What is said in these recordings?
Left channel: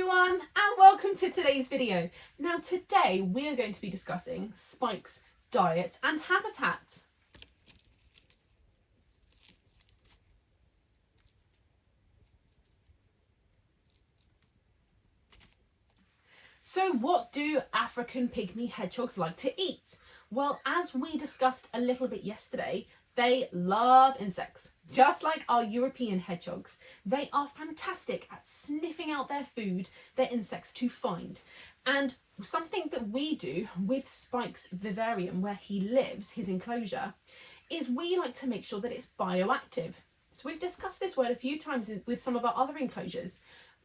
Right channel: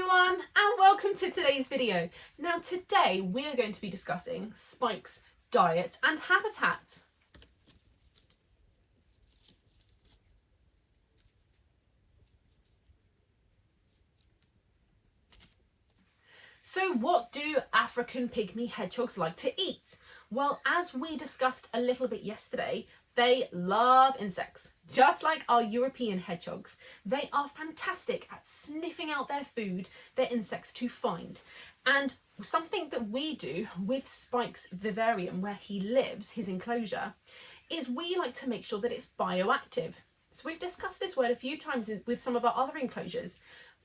everyone, and welcome to today's video. Now today we are going to be discussing Spike's diet and habitat. So what do African pygmy hedgehogs like to eat? Well, as we discussed a little bit yesterday, they love insects. Just like our European hedgehogs, they are fantastic at sniffing out their food, their insects to find. And something that we do with Spike's vivarium, where he lives, his enclosure, is we like to make sure that it's bioactive. So we've discussed this word a few times with some of our other enclosures.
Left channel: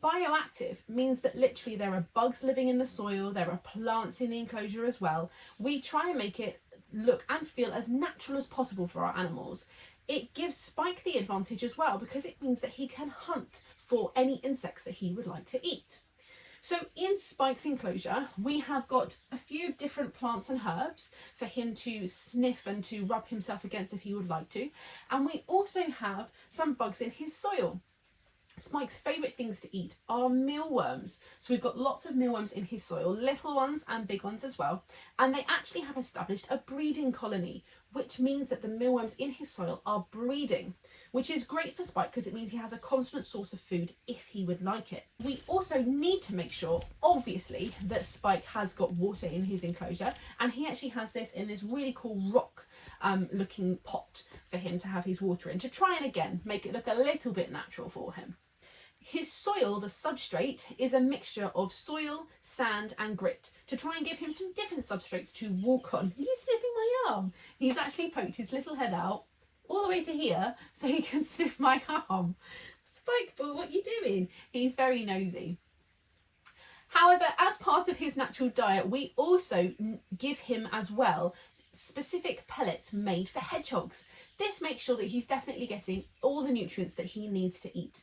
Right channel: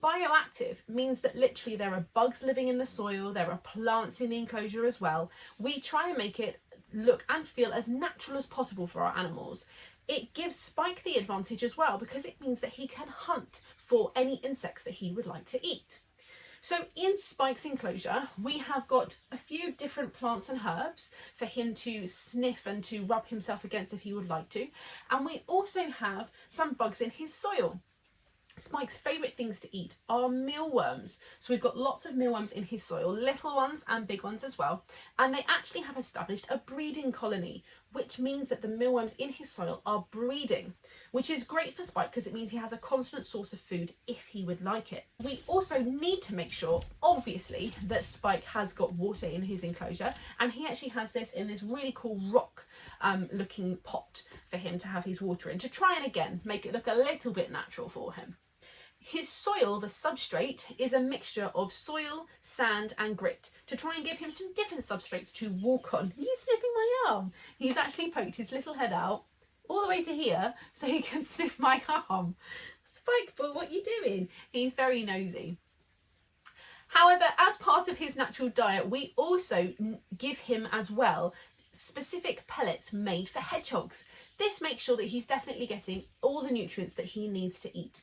Bioactive means that literally there are bugs living in the soil, there are plants in the enclosure as well. We try and make it look and feel as natural as possible for our animals. It gives Spike the advantage as well because it means that he can hunt for any insects that he would like to eat. So in Spike's enclosure, we have got a few different plants and herbs for him to sniff and to rub himself against if he would like to. And we also have some bugs in his soil. Spike's favourite things to eat are mealworms. So we've got lots of mealworms in his soil, little ones and big ones as well. And they actually have established a breeding colony, which means that the mealworms in his soil are breeding, which is great for Spike because it means he has a constant source of food if he would like it. We also need to make sure, obviously, that Spike has got water in his enclosure, and he actually has this in this really cool rock looking pot for him to have his water in, to try and again make it look a little bit natural for him. His soil, the substrate, is a mixture of soil, sand and grit to try and give him some different substrates to walk on. He's sniffing my arm. He's actually poked his little head out all the way to here so he can sniff my arm. Spike, but what are you doing? He's very nosy. However, as part of his natural diet, we also give him as well specific pellets made for hedgehogs. This makes sure that he's definitely getting all the nutrients that he needs to eat.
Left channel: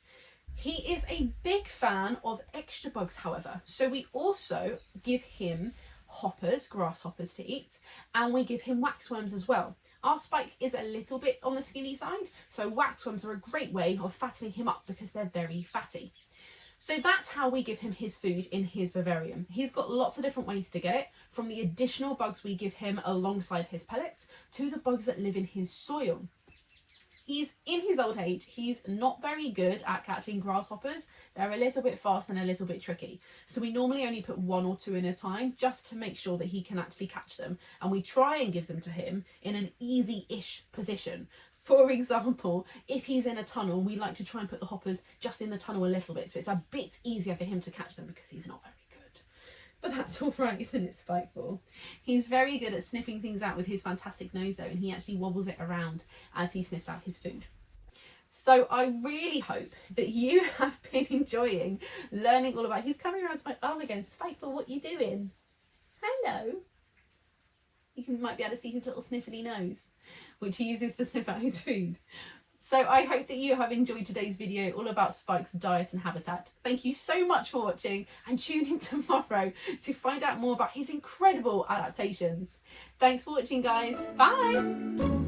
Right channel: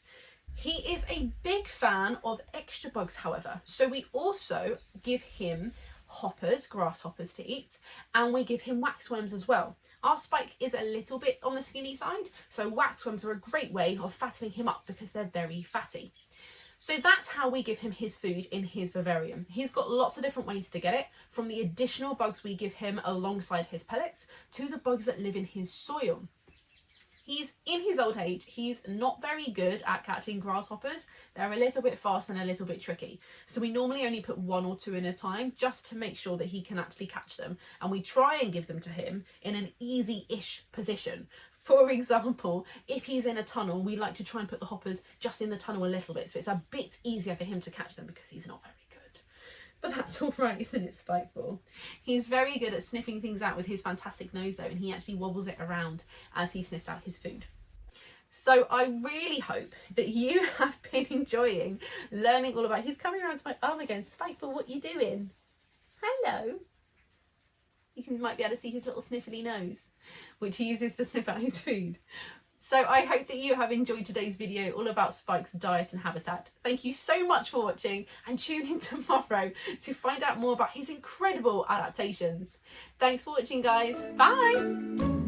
He is a big fan of extra bugs, however, so we also give him hoppers, grasshoppers to eat, and we give him waxworms as well. Our Spike is a little bit on the skinny side, so waxworms are a great way of fattening him up because they're very fatty. So that's how we give him his food in his vivarium. He's got lots of different ways to get it, from the additional bugs we give him alongside his pellets to the bugs that live in his soil. He's in his old age, he's not very good at catching grasshoppers. They're a little bit fast and a little bit tricky. So we normally only put one or two in a time just to make sure that he can actually catch them. And we try and give them to him in an easy-ish position. For example, if he's in a tunnel, we like to try and put the hoppers just in the tunnel a little bit. So it's a bit easier for him to catch them because he's not very good. But that's all right, isn't it, Spikeball? He's very good at sniffing things out with his fantastic nose though, and he actually wobbles it around as he sniffs out his food. So I really hope that you have been enjoying learning all about... He's coming around to my arm again. Spikeball, what are you doing? Hello. You might be able to see his little sniffly nose, which he uses to sniff out his food. So I hope that you have enjoyed today's video all about Spike's diet and habitat. Thank you so much for watching, and tune in tomorrow to find out more about his incredible adaptations. Thanks for watching, guys. Bye!